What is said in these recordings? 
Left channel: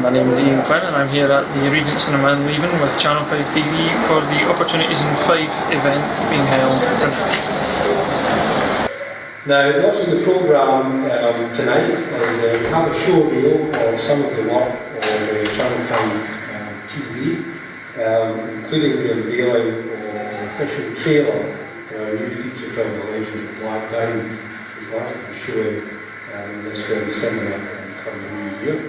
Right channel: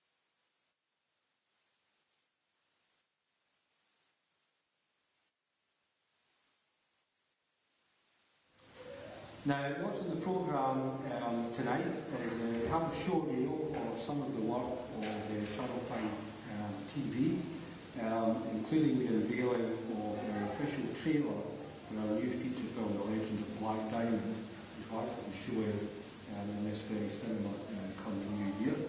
My name is Ian Quinn and I'm here at the Regent Cinema in Leven with Channel 5 TV for the Opportunities in Fife event being held tonight. Now, what's in the programme tonight is we have a show reel of some of the work of Channel 5 TV, including the unveiling of an official trailer for our new feature film, The Legend of Black Diamond, which we're actually showing in this very cinema coming new year.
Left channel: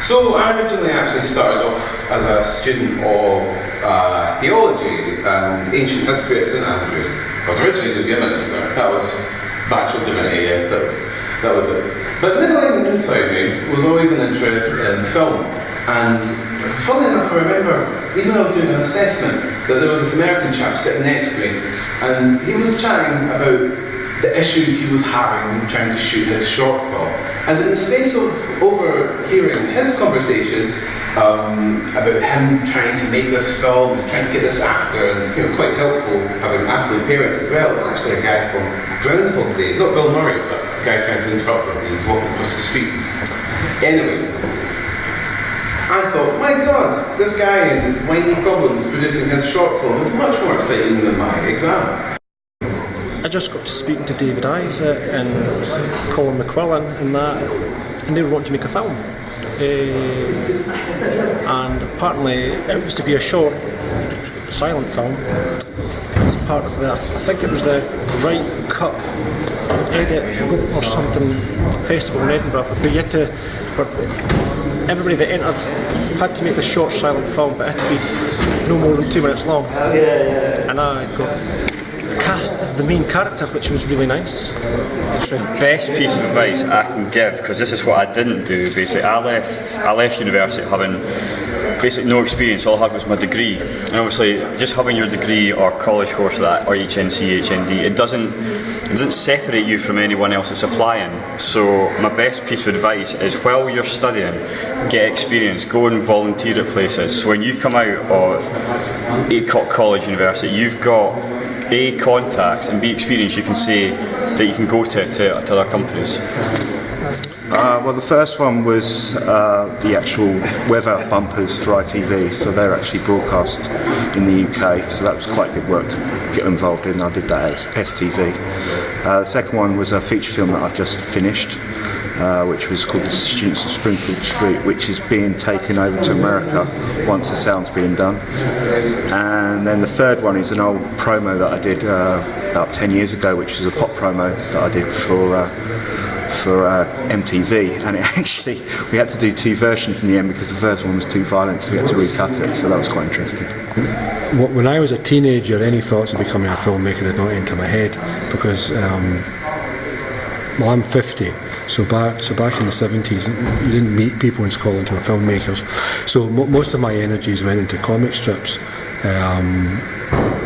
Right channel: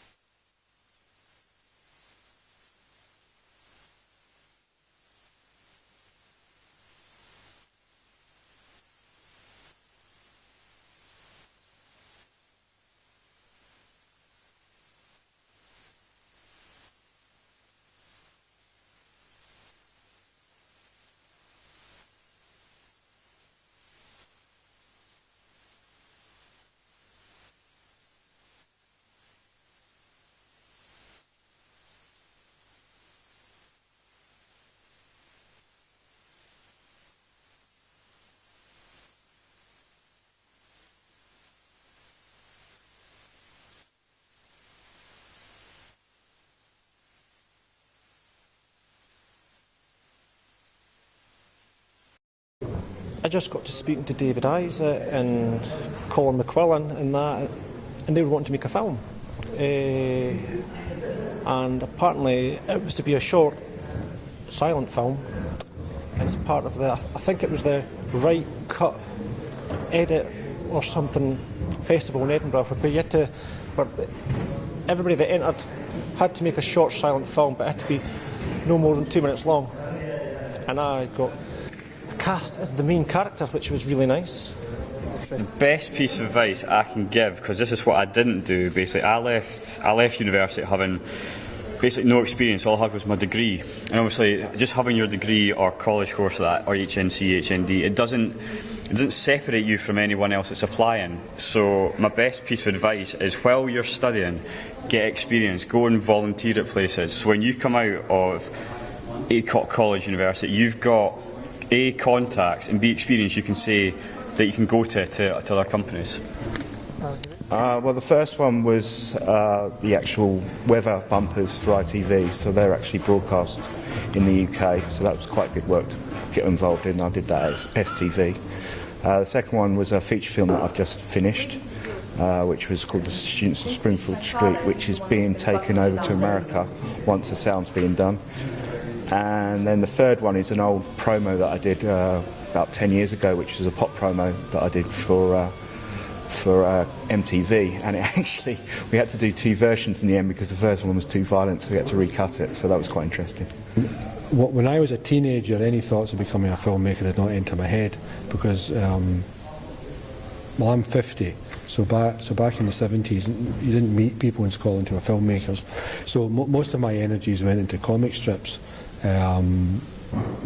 So I originally actually started off as a student of theology and ancient history at St Andrews. I was originally going to be a minister. That was Bachelor Divinity, yes, that was it. But niggling inside me was always an interest in film. And funnily enough, I remember, even though I was doing an assessment, that there was this American chap sitting next to me, and he was chatting about the issues he was having when trying to shoot his short film. And in the space of overhearing his conversation about him trying to make this film and trying to get this actor, and quite helpful having affluent parents as well. It's actually a guy from Groundhog Day, not Bill Murray, but a guy trying to interrupt him and he's walking across the street. Anyway, I thought, my God, this guy and his whiny problems producing his short film is much more exciting than my exam. I just got to speaking to David Isaac and Colin McQuillan and they were wanting to make a film. And apparently it was to be a short, silent film. As part of the, I think it was the Right Cut Edit or something festival in Edinburgh, where everybody that entered had to make a short, silent film, but it had to be no more than 2 minutes long. And I got cast as the main character, which was really nice. The best piece of advice I can give, because this is what I didn't do basically, I left university having basically no experience. All I had was my degree, and obviously just having your degree or college course like or HNC, HND, it doesn't separate you from anyone else that's applying. So my best piece of advice is, while you're studying, get experience, go and volunteer at places. So when you come out of a college, university, you've got A, contacts, and B, experience you can say that you can go to other companies. Well, the first one was the actual weather bumpers for ITV, so they're actually broadcast in the UK, so that was quite good work to get involved in. I did that at STV. The second one was a feature film that I've just finished, which was called The Students of Springfield Street, which is being taken over to America once the sound's being done. And then the third one is an old promo that I did about 10 years ago, which is a pop promo that I did for MTV, and we had to do two versions in the end because the first one was too violent, so we had to recut it, so that was quite interesting. When I was a teenager, any thoughts of becoming a filmmaker did not enter my head, because well, I'm 50, so back in the 70s you didn't meet people in Scotland who were filmmakers, so most of my energies went into comic strips.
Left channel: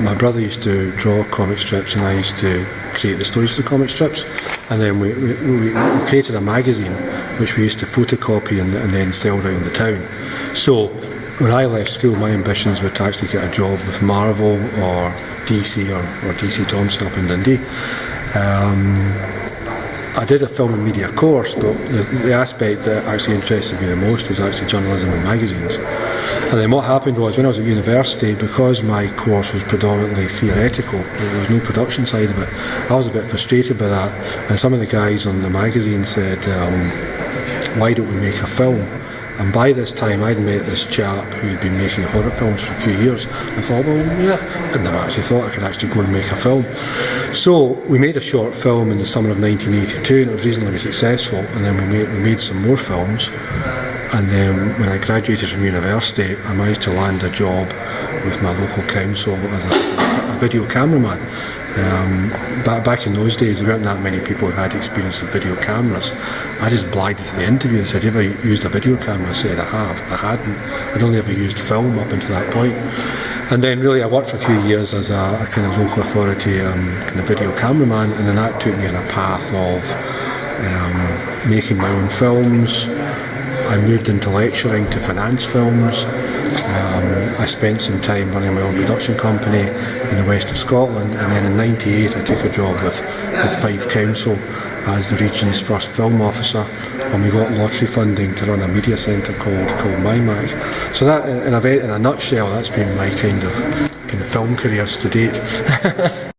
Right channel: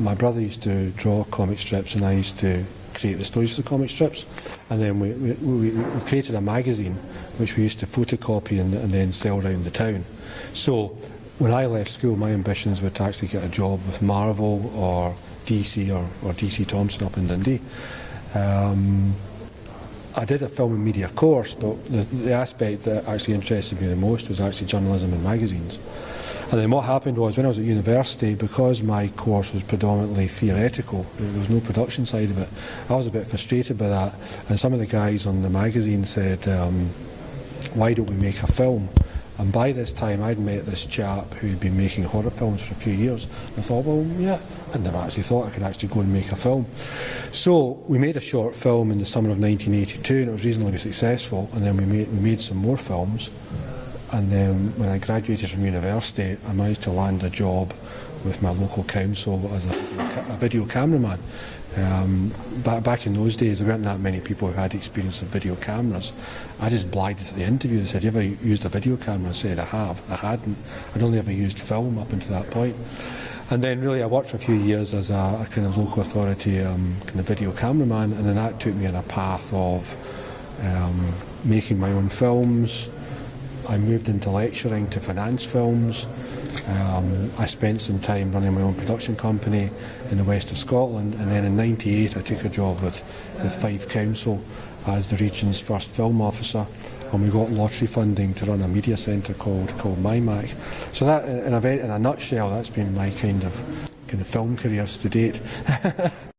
My brother used to draw comic strips and I used to create the stories for the comic strips, and then we created a magazine which we used to photocopy and then sell around the town. So when I left school, my ambitions were to actually get a job with Marvel or DC or DC Thomson up in Dundee. I did a film and media course, but the aspect that actually interested me the most was actually journalism and magazines. And then what happened was, when I was at university, because my course was predominantly theoretical, there was no production side of it, I was a bit frustrated by that. And some of the guys on the magazine said, why don't we make a film? And by this time I'd met this chap who had been making horror films for a few years. I thought, well, yeah, I'd never actually thought I could actually go and make a film. So we made a short film in the summer of 1982, and it was reasonably successful, and then we made some more films. And then when I graduated from university, I managed to land a job with my local council as a video cameraman. Back in those days, there weren't that many people who had experience with video cameras. I just blagged the interview and said, have you ever used a video camera? I said, I have. I hadn't. I'd only ever used film up until that point. And then really I worked for a few years as a kind of local authority kind of video cameraman, and then that took me on a path of making my own films. I moved into lecturing to finance films. I spent some time running my own production company in the west of Scotland, and then in '98 I took a job with Fife Council as the region's first film officer, and we got lottery funding to run a media centre called MyMac. So that, in a nutshell, that's been my kind of film career to date.